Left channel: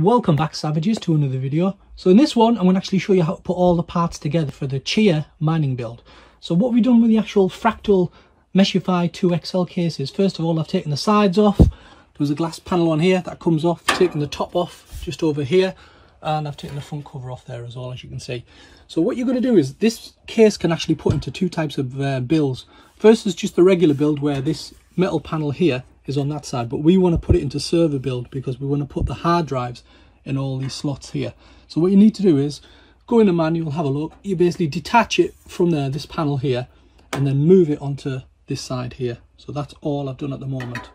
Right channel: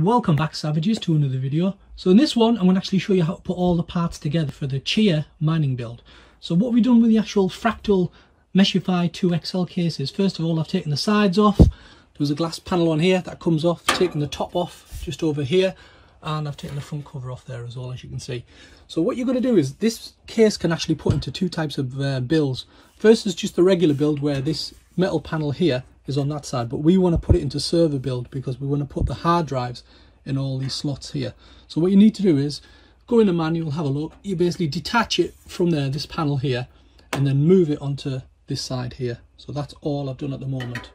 Welcome back, Savages, to another video. So in this one I'm going to actually show you how to put all the parts together for the Chia mining build. So what we've done with the actual Fractal Meshify 2XL case is, first of all, I've taken the sides off. There's a glass panel on here that comes off, taken the top off just over here, and I've taken the front cover off there as well, as you can see. So what you're going to do is, this case can actually put into two types of builds. First is just the regular build where this metal panel here is on that side, but we want to put it into server build because we want to put the hard drives in all these slots here. So what you need to do is go in the manual, have a look. You basically detach it from there, this panel here, and then move it onto this side here. So that's all I've done at the moment.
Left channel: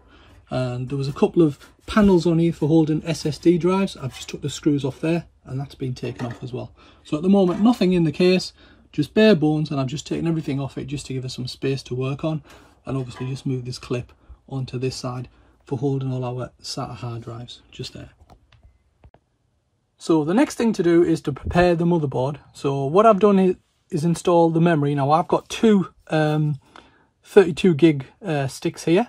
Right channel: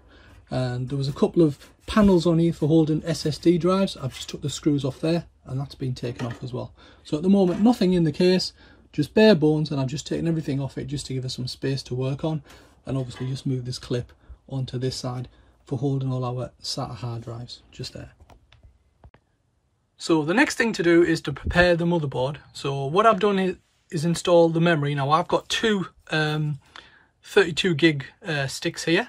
And there was a couple of panels on here for holding SSD drives. I've just took the screws off there, and that's been taken off as well. So at the moment, nothing in the case, just bare bones, and I've just taken everything off it just to give us some space to work on, and obviously just move this clip onto this side for holding all our SATA hard drives, just there. So the next thing to do is to prepare the motherboard. So what I've done is install the memory. Now I've got two 32 gig sticks here.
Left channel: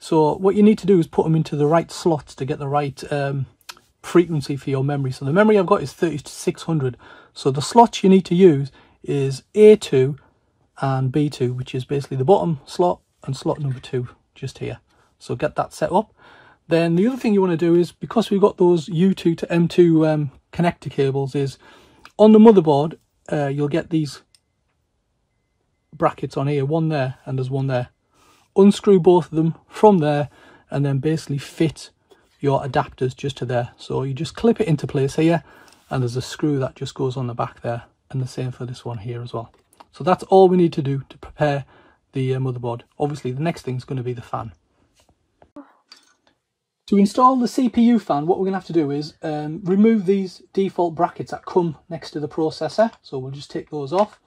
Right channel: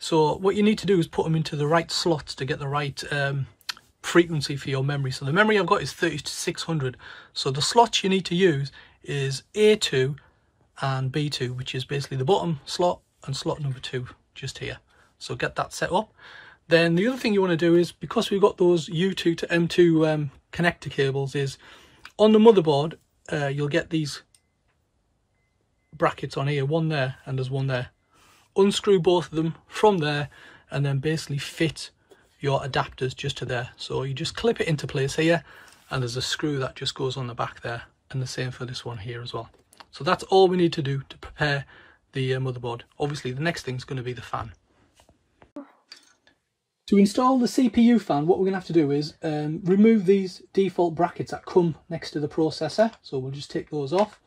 So what you need to do is put them into the right slots to get the right frequency for your memory. So the memory I've got is 3600. So the slots you need to use is A2 and B2, which is basically the bottom slot and slot number 2 just here. So get that set up. Then the other thing you want to do is, because we've got those U2 to M2 connector cables, is on the motherboard you'll get these brackets on here, one there and there's one there. Unscrew both of them from there and then basically fit your adapters just to there. So you just clip it into place here, and there's a screw that just goes on the back there, and the same for this one here as well. So that's all we need to do to prepare the motherboard. Obviously the next thing is going to be the fan. To install the CPU fan, what we're going to have to do is remove these default brackets that come next to the processor. So we'll just take those off.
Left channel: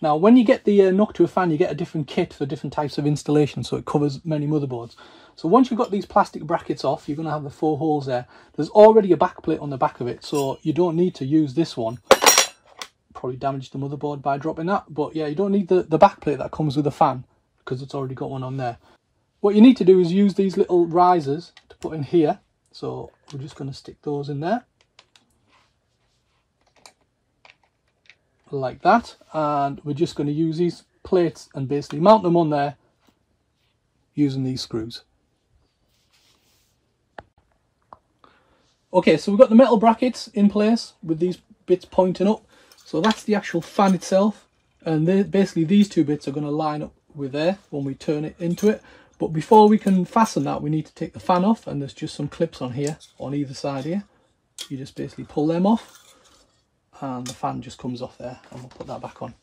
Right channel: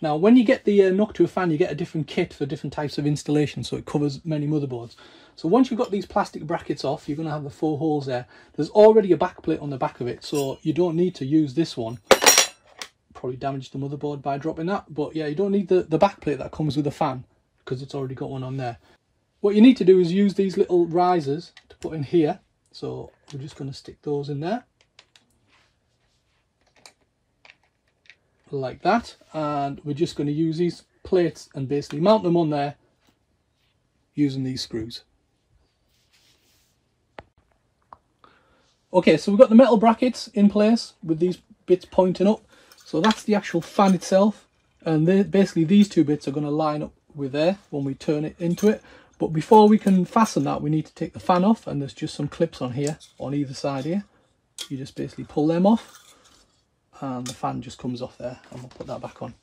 Now when you get the Noctua fan, you get a different kit for different types of installation, so it covers many motherboards. So once you've got these plastic brackets off, you're going to have the 4 holes there. There's already a backplate on the back of it, so you don't need to use this one. Probably damaged the motherboard by dropping that, but yeah, you don't need the backplate that comes with the fan because it's already got one on there. What you need to do is use these little risers to put in here. So we're just going to stick those in there like that, and we're just going to use these plates and basically mount them on there using these screws. Okay, so we've got the metal brackets in place with these bits pointing up. So that's the actual fan itself, and basically these two bits are going to line up with there when we turn it into it. But before we can fasten that, we need to take the fan off, and there's just some clips on here on either side here. You just basically pull them off and the fan just comes off there, and we'll put that back on.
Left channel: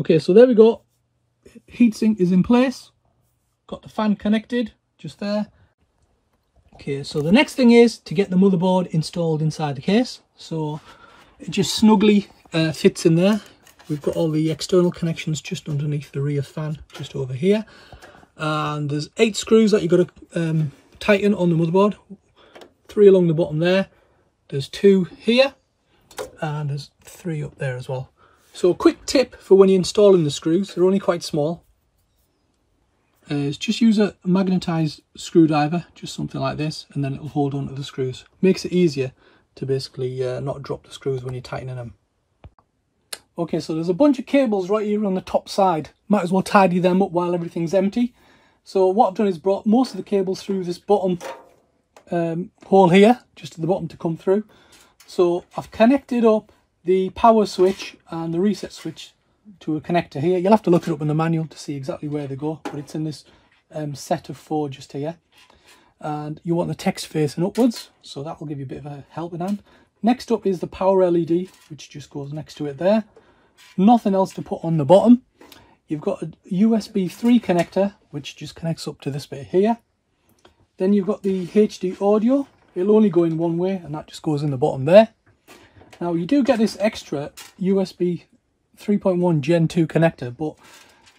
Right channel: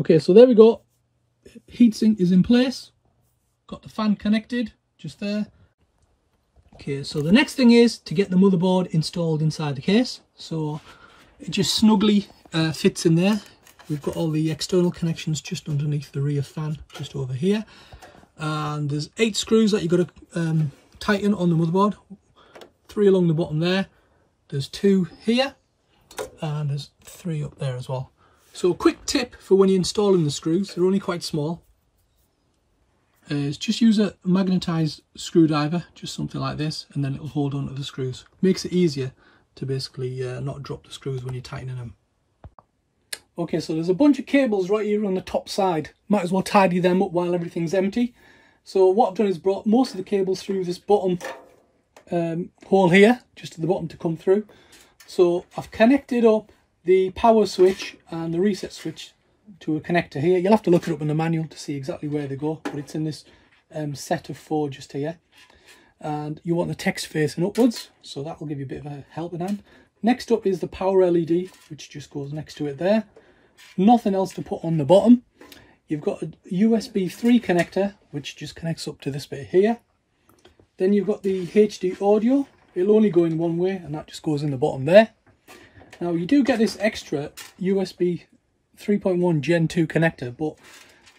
Okay, so there we go. Heatsink is in place. Got the fan connected just there. Okay, so the next thing is to get the motherboard installed inside the case. So it just snugly fits in there. We've got all the external connections just underneath the rear fan, just over here. And there's 8 screws that you've got to tighten on the motherboard. 3 along the bottom there. There's 2 here. And there's 3 up there as well. So a quick tip for when you're installing the screws, they're only quite small, is just use a magnetized screwdriver, just something like this, and then it'll hold on to the screws. Makes it easier to basically not drop the screws when you're tightening them. Okay, so there's a bunch of cables right here on the top side. Might as well tidy them up while everything's empty. So what I've done is brought most of the cables through this bottom hole here, just at the bottom to come through. So I've connected up the power switch and the reset switch to a connector here. You'll have to look it up in the manual to see exactly where they go, but it's in this set of 4 just here. And you want the text facing upwards, so that will give you a bit of a helping hand. Next up is the power LED, which just goes next to it there. Nothing else to put on the bottom. You've got a USB 3 connector, which just connects up to this bit here. Then you've got the HD audio. It'll only go in one way, and that just goes in the bottom there. Now you do get this extra USB 3.1 Gen 2 connector, but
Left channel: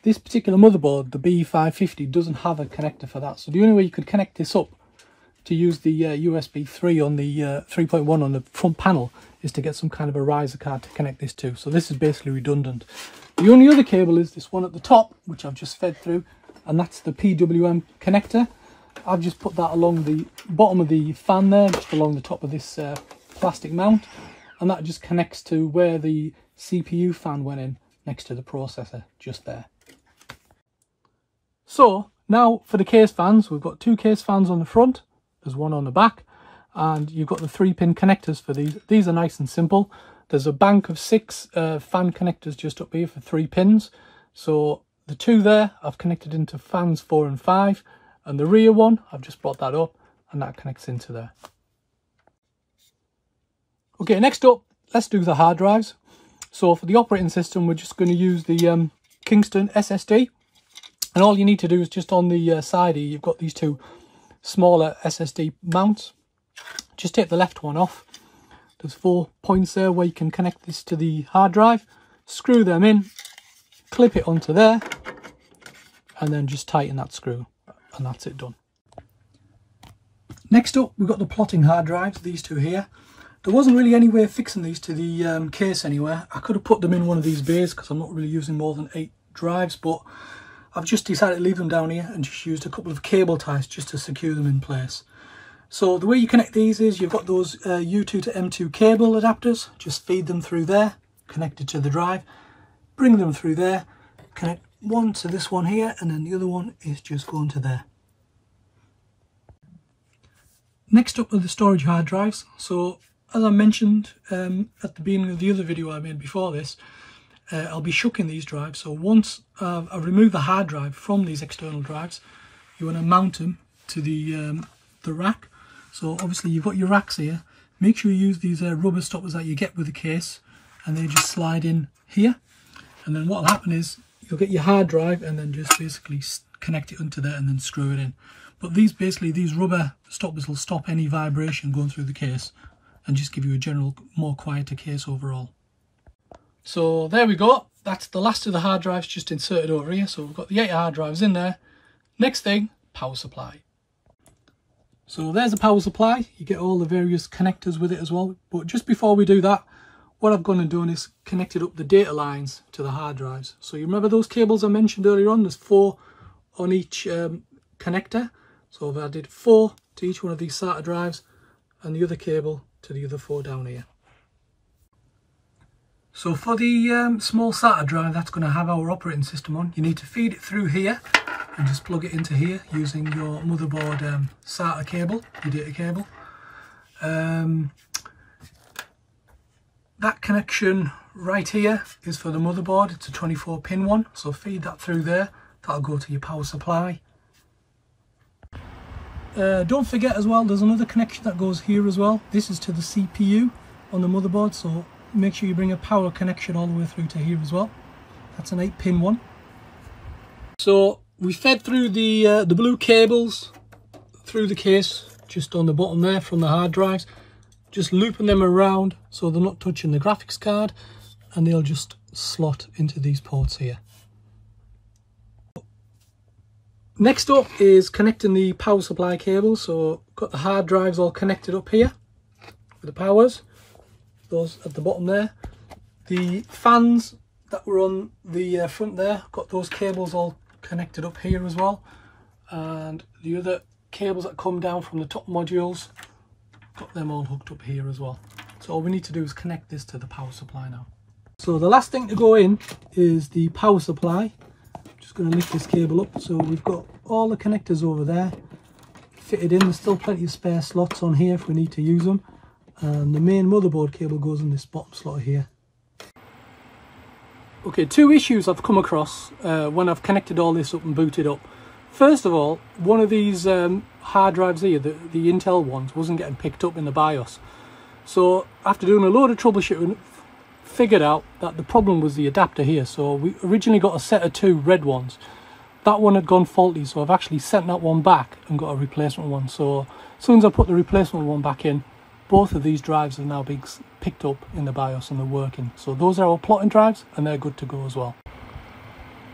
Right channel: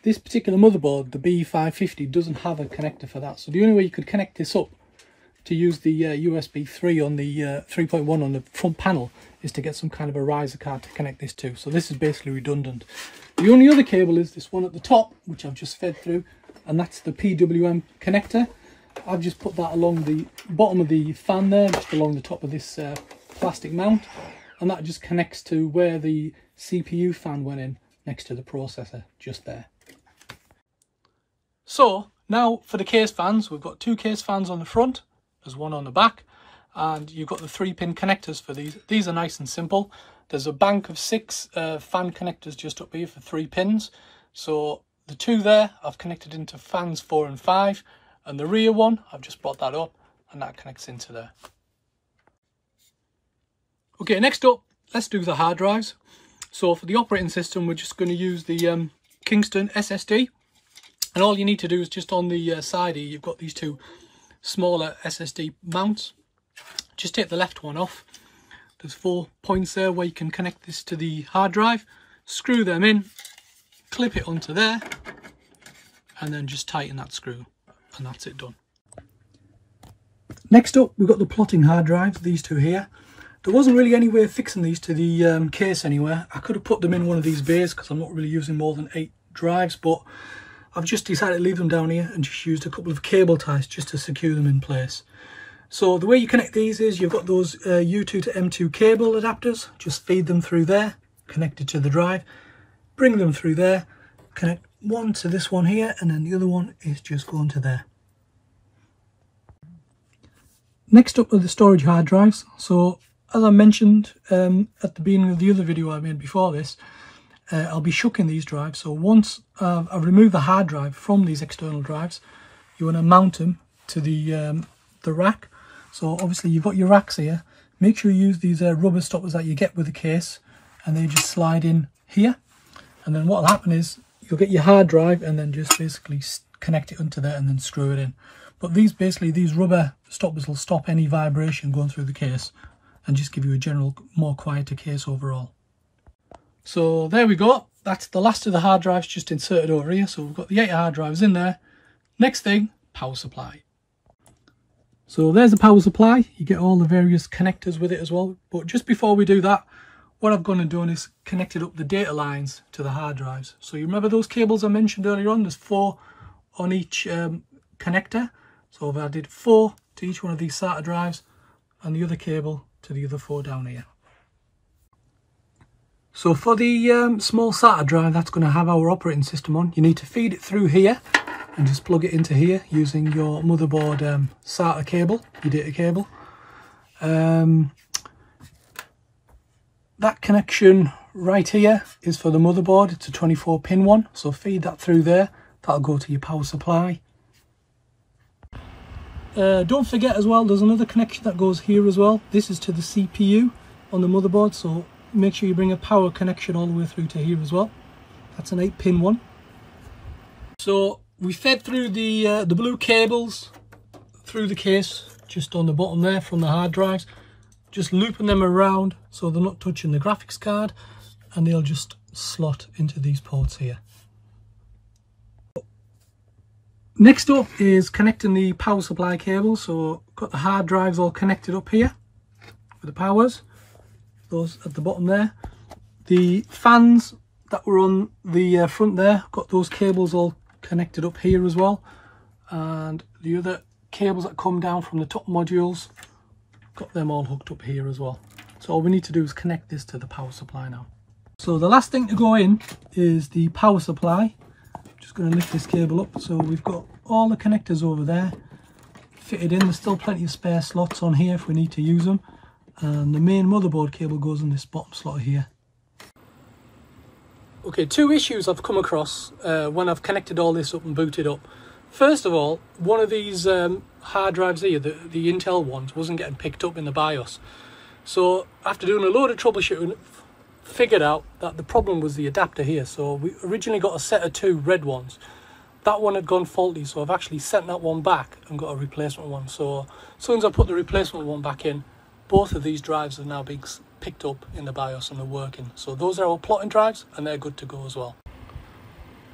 this particular motherboard, the B550, doesn't have a connector for that. So the only way you could connect this up to use the USB 3 on the 3.1 on the front panel is to get some kind of a riser card to connect this to. So this is basically redundant. The only other cable is this one at the top, which I've just fed through, and that's the PWM connector. I've just put that along the bottom of the fan there, just along the top of this plastic mount, and that just connects to where the CPU fan went in next to the processor, just there. So now for the case fans, we've got 2 case fans on the front, there's one on the back, and you've got the 3-pin connectors for these. These are nice and simple. There's a bank of 6 fan connectors just up here for 3 pins. So the 2 there I've connected into fans 4 and 5, and the rear one I've just brought that up and that connects into there. Okay, next up, let's do the hard drives. So for the operating system, we're just going to use the Kingston SSD, and all you need to do is just on the side here, you've got these 2 smaller SSD mounts. Just take the left one off. There's 4 points there where you can connect this to the hard drive, screw them in, clip it onto there, and then just tighten that screw, and that's it done. Next up, we've got the plotting hard drives, these 2 here. There wasn't really any way of fixing these to the case anywhere. I could have put them in one of these bays because I'm not really using more than 8 drives, but I've just decided to leave them down here and just used a couple of cable ties just to secure them in place. So the way you connect these is you've got those U2 to M2 cable adapters, just feed them through there, connected to the drive, bring them through there, connect one to this one here, and then the other one is just going to there. Next up are the storage hard drives. So as I mentioned at the beginning of the other video I made before this, I'll be shucking these drives. So once I've removed the hard drive from these external drives, you want to mount them to the rack. So obviously you've got your racks here. Make sure you use these rubber stoppers that you get with the case, and they just slide in here. And then what will happen is you'll get your hard drive and then just basically connect it onto there and then screw it in. But these rubber stoppers will stop any vibration going through the case and just give you a general more quieter case overall. So there we go. That's the last of the hard drives just inserted over here. So we've got the 8 hard drives in there. Next thing, power supply. So there's the power supply. You get all the various connectors with it as well. But just before we do that, what I've gone and done is connected up the data lines to the hard drives. So you remember those cables I mentioned earlier on? There's 4 on each connector. So I've added 4 to each one of these SATA drives and the other cable to the other 4 down here. So for the small SATA drive that's going to have our operating system on, you need to feed it through here and just plug it into here using your motherboard SATA cable, your data cable. That connection right here is for the motherboard. It's a 24-pin one, so feed that through there. That'll go to your power supply. Don't forget as well, there's another connection that goes here as well. This is to the CPU on the motherboard, so make sure you bring a power connection all the way through to here as well. That's an 8-pin one. So we fed through the blue cables through the case, just on the bottom there from the hard drives, just looping them around so they're not touching the graphics card, and they'll just slot into these ports here. Next up is connecting the power supply cable. So got the hard drives all connected up here with the powers, those at the bottom there. The fans that were on the front there, got those cables all connected up here as well, and the other cables that come down from the top modules, got them all hooked up here as well. So all we need to do is connect this to the power supply now. So the last thing to go in is the power supply. Just going to lift this cable up. So we've got all the connectors over there fitted in. There's still plenty of spare slots on here if we need to use them, and the main motherboard cable goes in this bottom slot here. Okay, 2 issues I've come across when I've connected all this up and booted up. First of all, one of these hard drives here, the Intel ones, wasn't getting picked up in the BIOS. So after doing a load of troubleshooting, figured out that the problem was the adapter here. So we originally got a set of 2 red ones. That one had gone faulty, so I've actually sent that one back and got a replacement one. So as soon as I put the replacement one back in, both of these drives are now being picked up in the BIOS and they're working. So those are our plotting drives and they're good to go as well.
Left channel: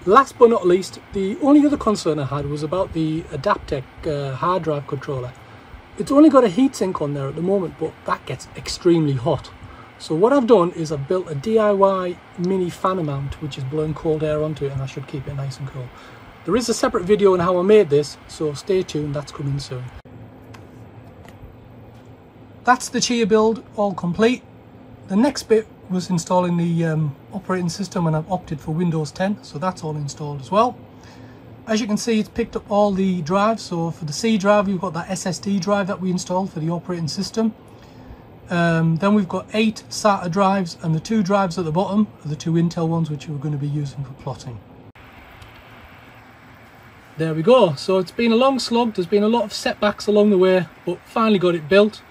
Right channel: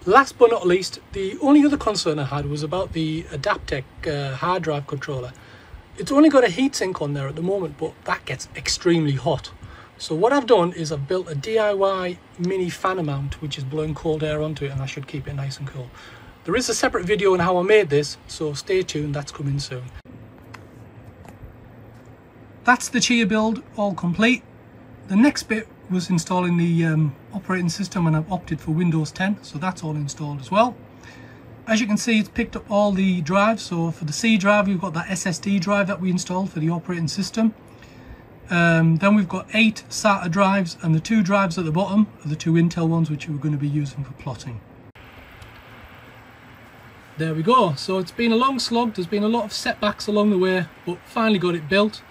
Last but not least, the only other concern I had was about the Adaptec hard drive controller. It's only got a heatsink on there at the moment, but that gets extremely hot. So what I've done is I've built a DIY mini fan mount which is blowing cold air onto it, and that should keep it nice and cool. There is a separate video on how I made this, so stay tuned, that's coming soon. That's the Chia build all complete. The next bit was installing the operating system, and I've opted for Windows 10, so that's all installed as well. As you can see, it's picked up all the drives. So for the C drive, we've got that SSD drive that we installed for the operating system. Then we've got 8 SATA drives, and the 2 drives at the bottom are the 2 Intel ones, which we're going to be using for plotting. There we go. So it's been a long slog. There's been a lot of setbacks along the way, but finally got it built.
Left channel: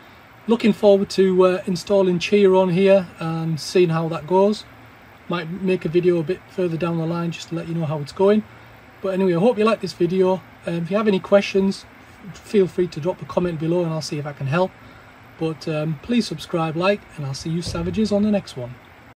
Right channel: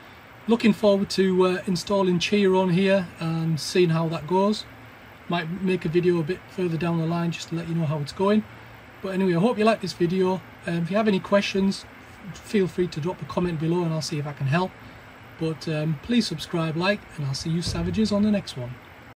Looking forward to installing Chia on here and seeing how that goes. Might make a video a bit further down the line just to let you know how it's going. But anyway, I hope you like this video. If you have any questions, feel free to drop a comment below and I'll see if I can help. But please subscribe, like, and I'll see you savages on the next one.